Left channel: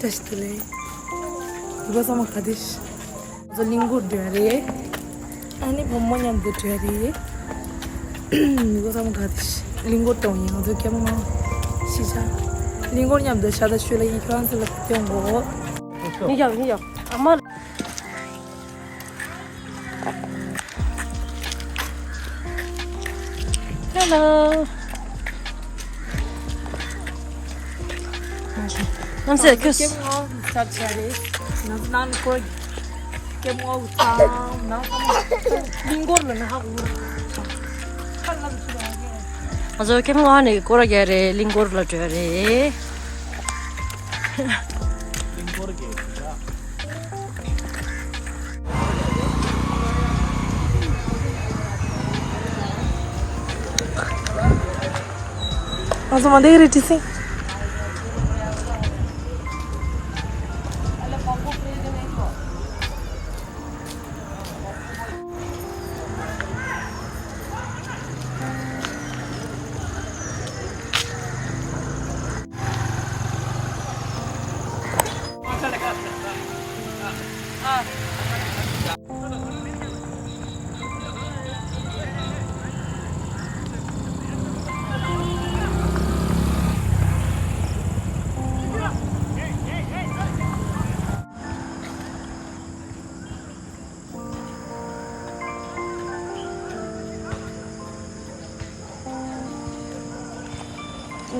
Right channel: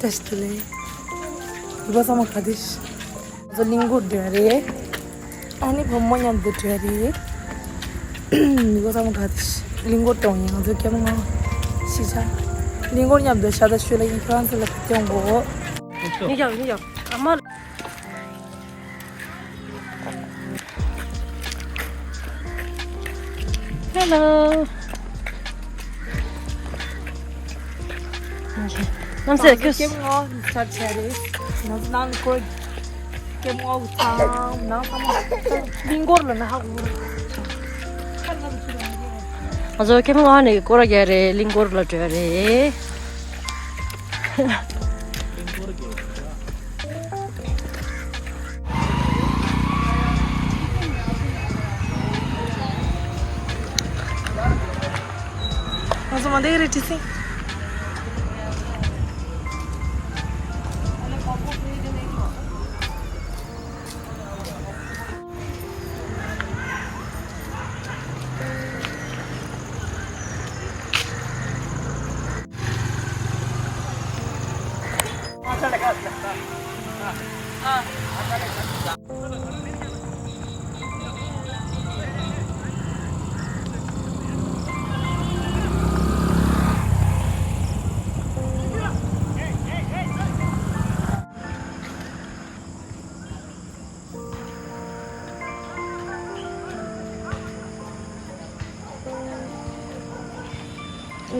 testile. Iba sama kadis. The lingo dere. Ani bommonya de dere. Iba sama kadis. Lingo tonya. The kemo sisa. Lingo nya de sada shule in France la kiongo. Niya. Amar. Hello. Namse kus. Kemo start chare. Nan ko kemo ta na kamo lingor la na hagu. Azo kemo ane kora gare lingor la chare. Azo mande reti se.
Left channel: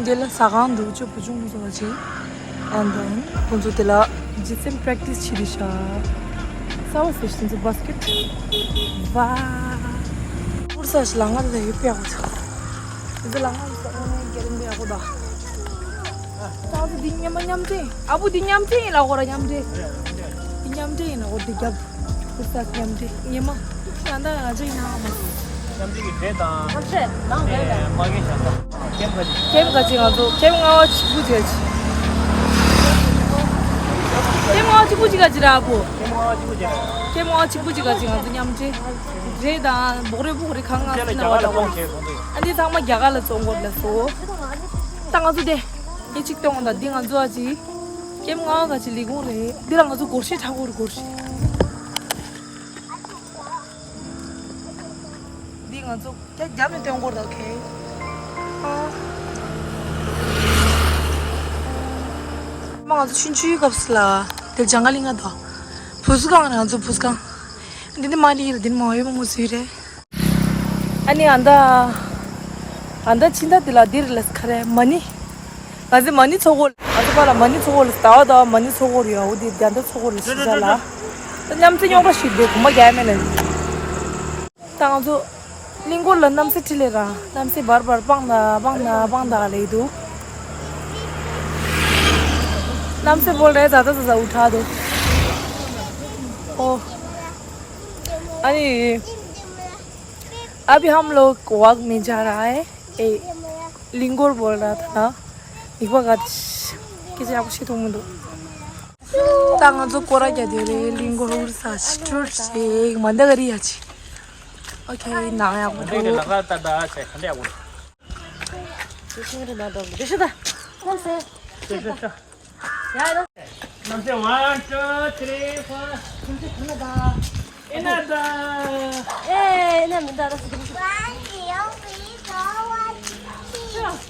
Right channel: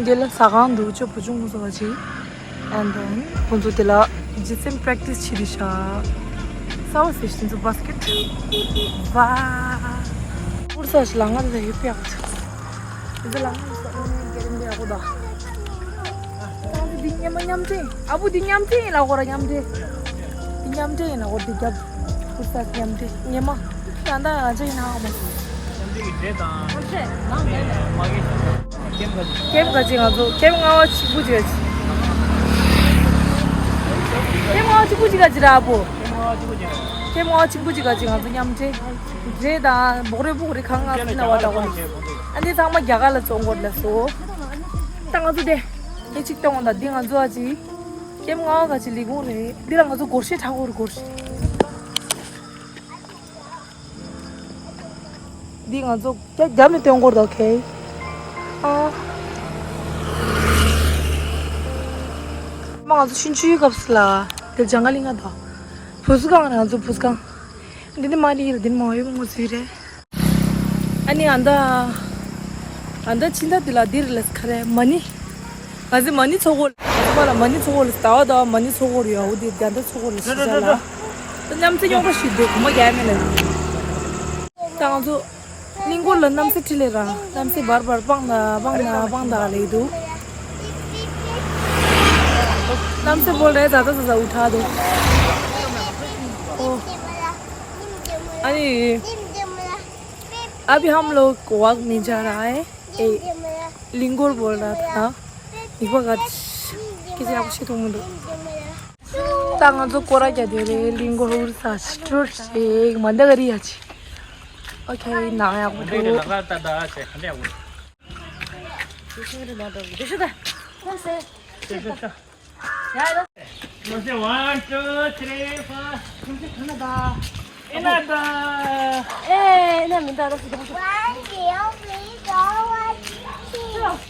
Dela sagan ducu pujung muzo gaji, and then kunzu dela jisim practice chirisha. Sawa session to basket. Wah, ursa selangan deh itu aku. Itu langan jalan dia aku dah. Tapi di nyampe, abu di nyampe lah orang nyampe. Di nyampe lah orang dijab. Ursa nyampe, nyama. Anda aja ini apa? Nyampe itu dah. Kem gaji ngazo, kem ngawa cipuji gaji. Kem ngawa cipuji gaji rabu. Kem ngawa cipuji gaji ngazo nyamje. Jeda bore kanga sina wada goni. Andi sama jaga la songgor la so. Tanga tu deh. Ye cik tong onda ding ngazo aji. Kem ngawa gaji ligung re. Dira ngazo gorsi thagor gorsi. Ding ngazo kayak jam itu yang gorda okay. 막 아주 신주의가 없을라. 될 장갈링가 더. 부스강은 아주 부스강. 근데 말이 이래, 뭐 해본 거지 이래. 아니 안다 진짜 들라 디르레스 카레 머니. 아주 머니 저걸 아주 봐라 머니 저걸 싸워다 머니 저걸이야 어디 안다 저걸 쓰잖아. 남자 용가 시대 그만 개면은. 당도 Lingol namse tilera, namse bar bangda ले दो, namse बोल रहे ज़्यादा उठा दो, ओ, अरे, अभी हम लोग वॉक में जा रहा है, लिंगोर बोल रहा था, एक बार किसी आप से तुम दो, तांगा तो कोरा क्या दे रहे लिंगोर उड़सा स्टोर से मंदा करी आज Okay, now I will do. One, two, three, four. Another.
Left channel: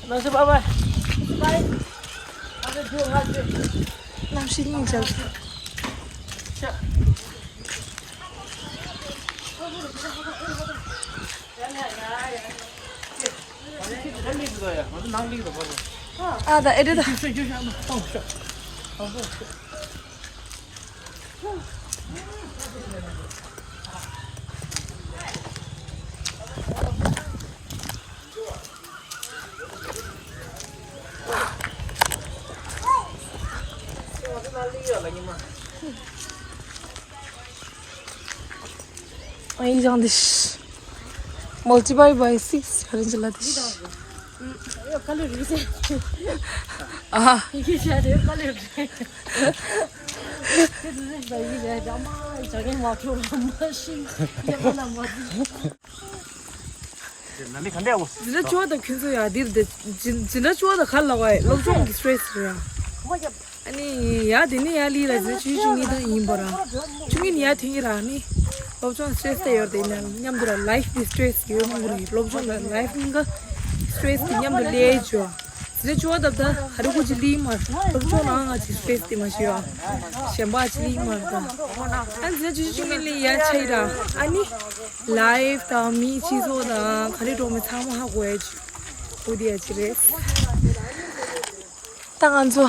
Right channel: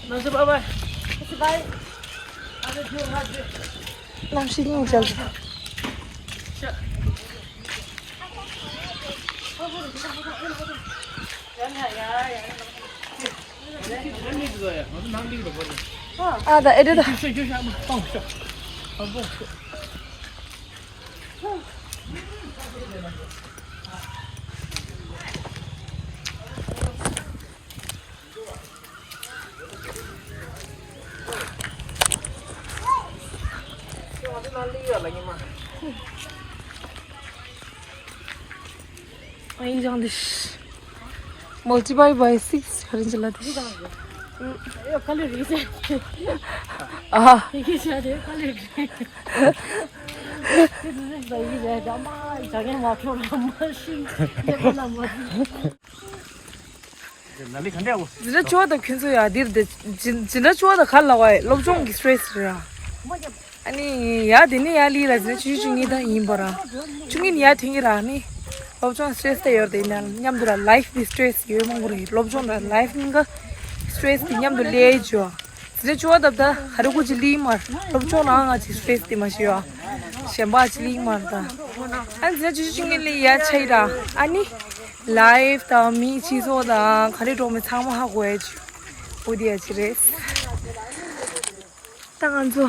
Masuk apa? Nam sini chal. Ada, itu dah. Ini jangan dis. Multiply by 6 hari jelas dis. Kalau bisa. Ini jadi kalau. Itu bayi jadi jamai, jadi motor mesin, dia mana motor. Nanti kan dia aku. Jadi cuma tu kunci ya, dia jadi cuma tu kalau awak lobjong stress dia. 아니 야 되니 야 리라지 주중이다 임버라 중인 야 튕기라니 럽존 스트레스 되어데나 냠들아 라이프 스트레스 요망고리 럽존 라이프인가 스트레스 냠들 레죠 스트레스와답다 하루고 질리마 럽존 아가지 스트레스 디마시와 셴바 질리마다 안지 주중일리 야 차이라 아니 라이프 다미 치소다 가리로메 참하고 해지 어디야 지레 땅안조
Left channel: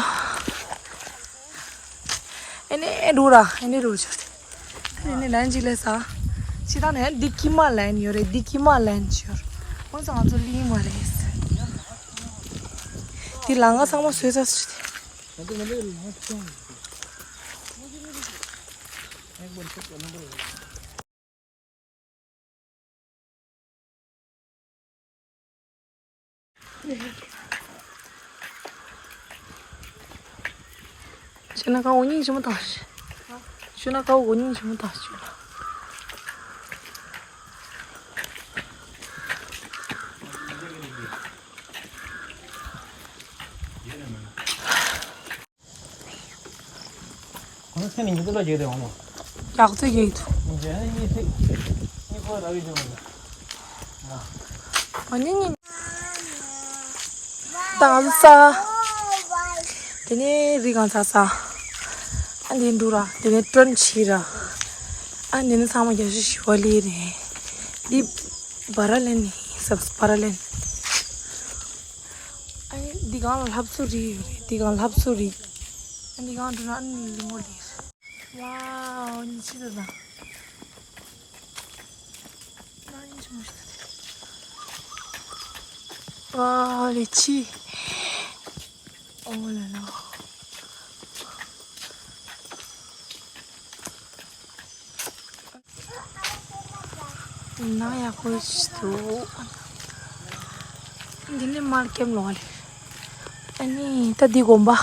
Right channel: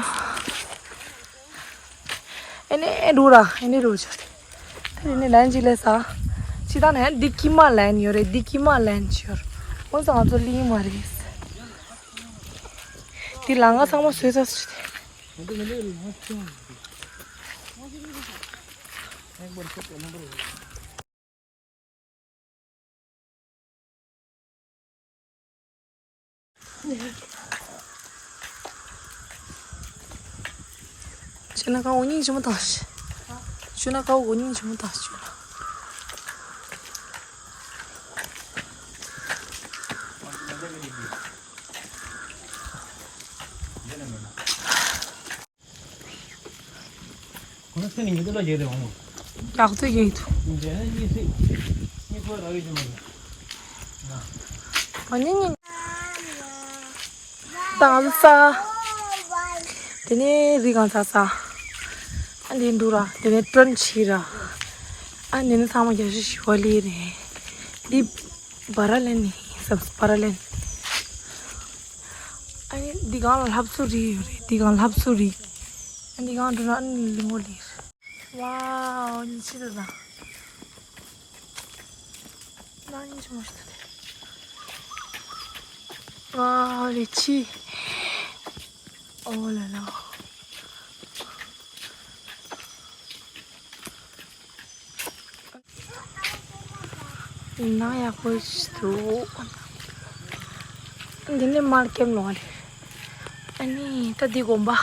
Ini dura, ini rojo. Ini line jilesa. Sida ne dikima line yore, dikima line yor. Kau sangat jeli maris. Di langga sama sudah sudah. Cina kau uning cuma tas. Cina kau uning cuma tas cina. Ini sini juga jadi mana? Yak tu je itu. Jadi ini kau lagi cuma. Uning. Tangan sa. Ini rigan sa. Ani dura, ini tren chira. Ani ini sama jadi shwali ni. Di baralen ni, sab baralen. Ani di gang lapsuri, di gang lapsuri. Ani gang dura ani limoli. Wow, ini chira dah. Nani cuma itu. Wow, lichi. Oh la la. Nah ya aku itu. Ini market loh. Ini tadi gomba.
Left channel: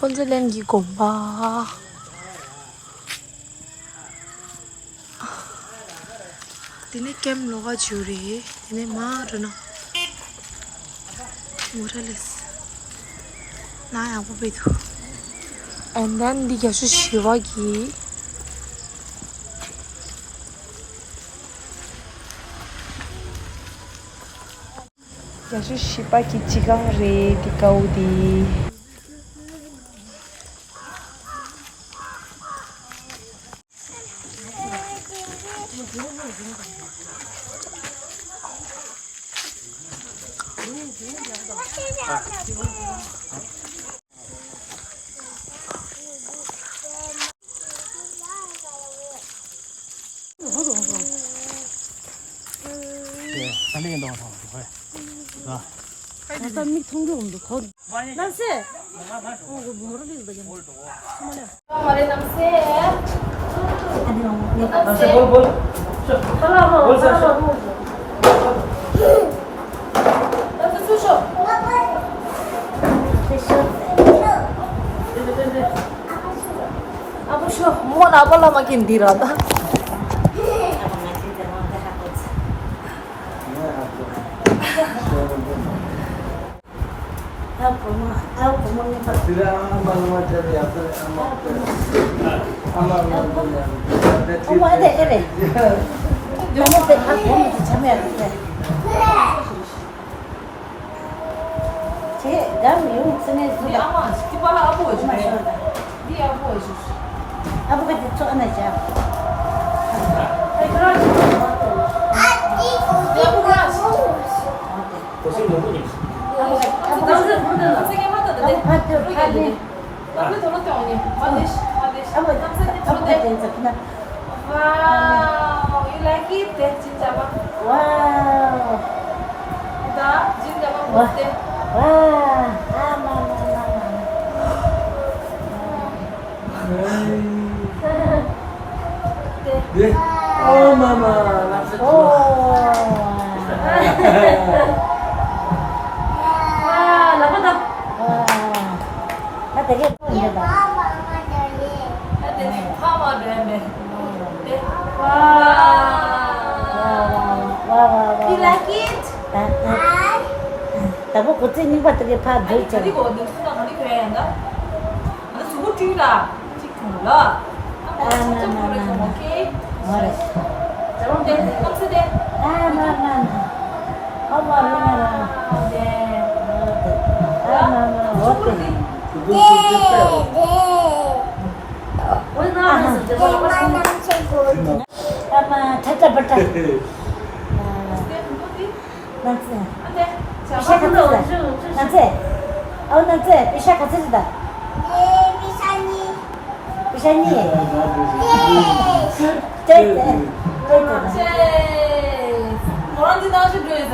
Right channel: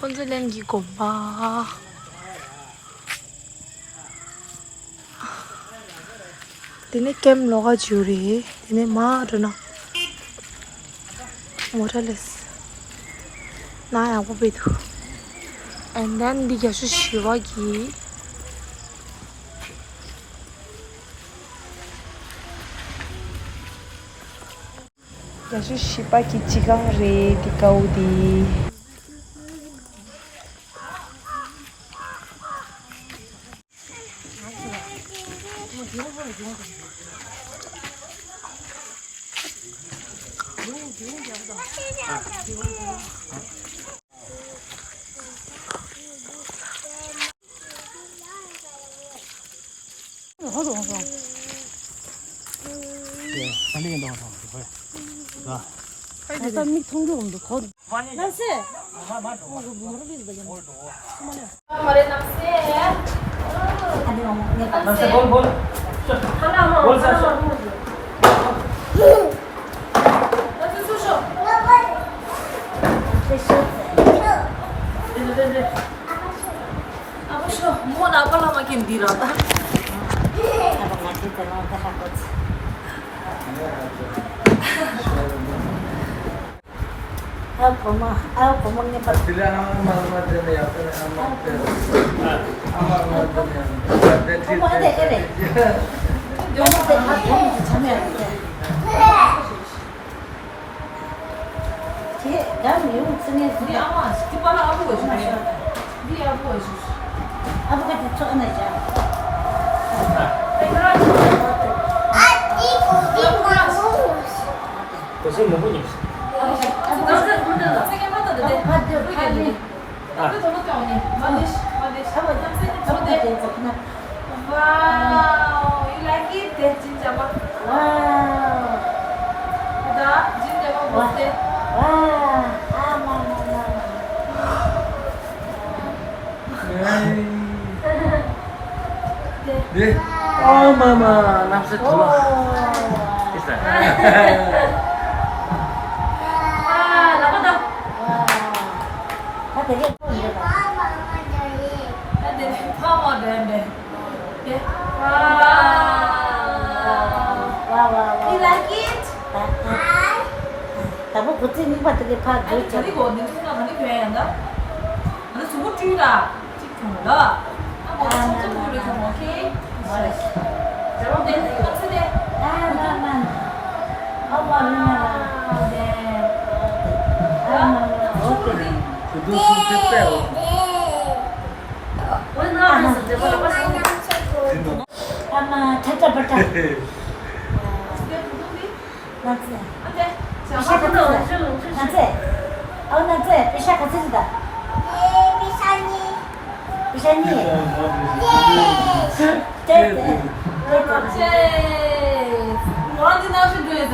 konselengi gomba. Ini kem loga juri. Ini marana. Morales. Nah aku begitu. And then dikasih shiwagi. Dikasih shiba kichigang re dikau di. 일단 미 통경도 거. 난세. हमारे नाम से है बोल Apa sih mau apa lah makin dirata Aku mah nyepat. Tidak amal macam ya, amal macam ya. Cuma ada ini. Jangan ada camnya. Cik, kan you sini Di amas, di mana abu aja Di abu aja Apa kan itu aja. Di abu keras 무슨 누구지? 선생님 하나 돼 Tapi tolong kau ni Manis Wow You like it? Cinta apa? Wow. Udah? Cinta apa? Buatnya Deh, oh mama, nafsu tuh. Mama deh Wow You like it? Tapi kucing ni patut dia 아니 pakai. 저기가 어디 순간 어디 교회인가? 너 주고 뒤가 찍고요. 오케이. 잘못돼. 깜짝이야. 그거 쓸 빼요. 아마 찾아 볼까? 뭐한지 나오신 거에서.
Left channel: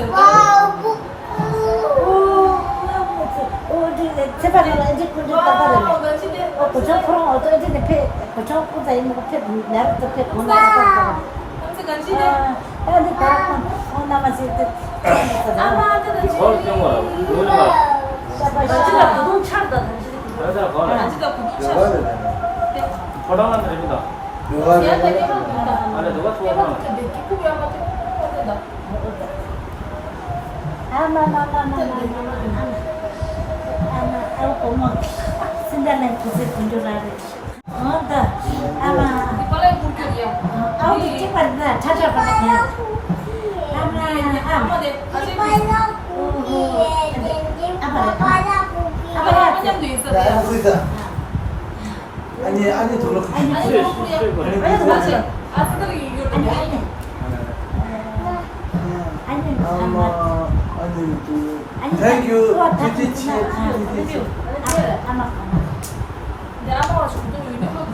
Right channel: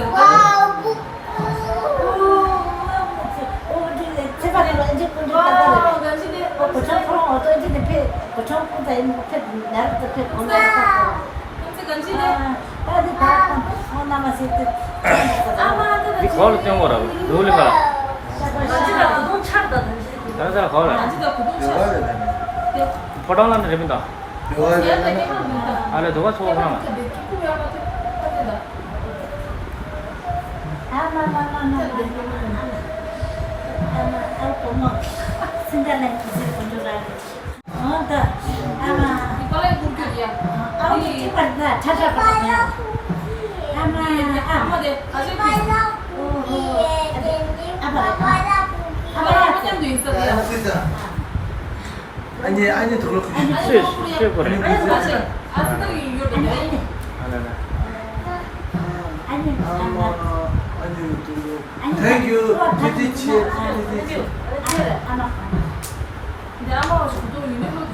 뭐하러 떼는 거라고? 노을인가? 여기다가 가라. 요가를 되네. 포장하면 됩니다. 요가를 되네. 아니, 너가 좋아하나? 아니 더 그렇고 실 거네. Thank you. 지지치. 근데 아마 저도 유명하고.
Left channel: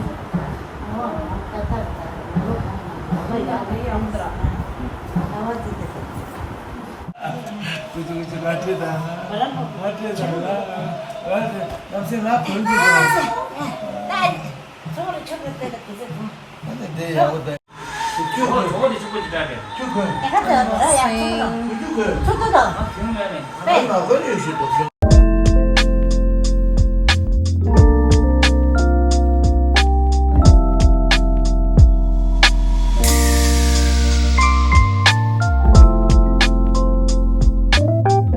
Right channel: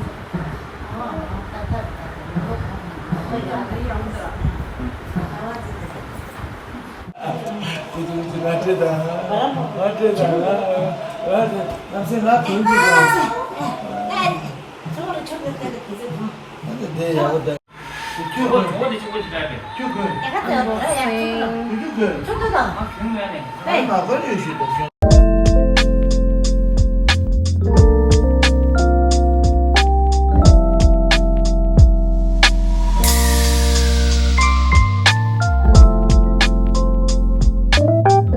남생 나 별로 근데 내 여기다 저거 뒤집어 있어야 돼. 얼마 걸려 있어.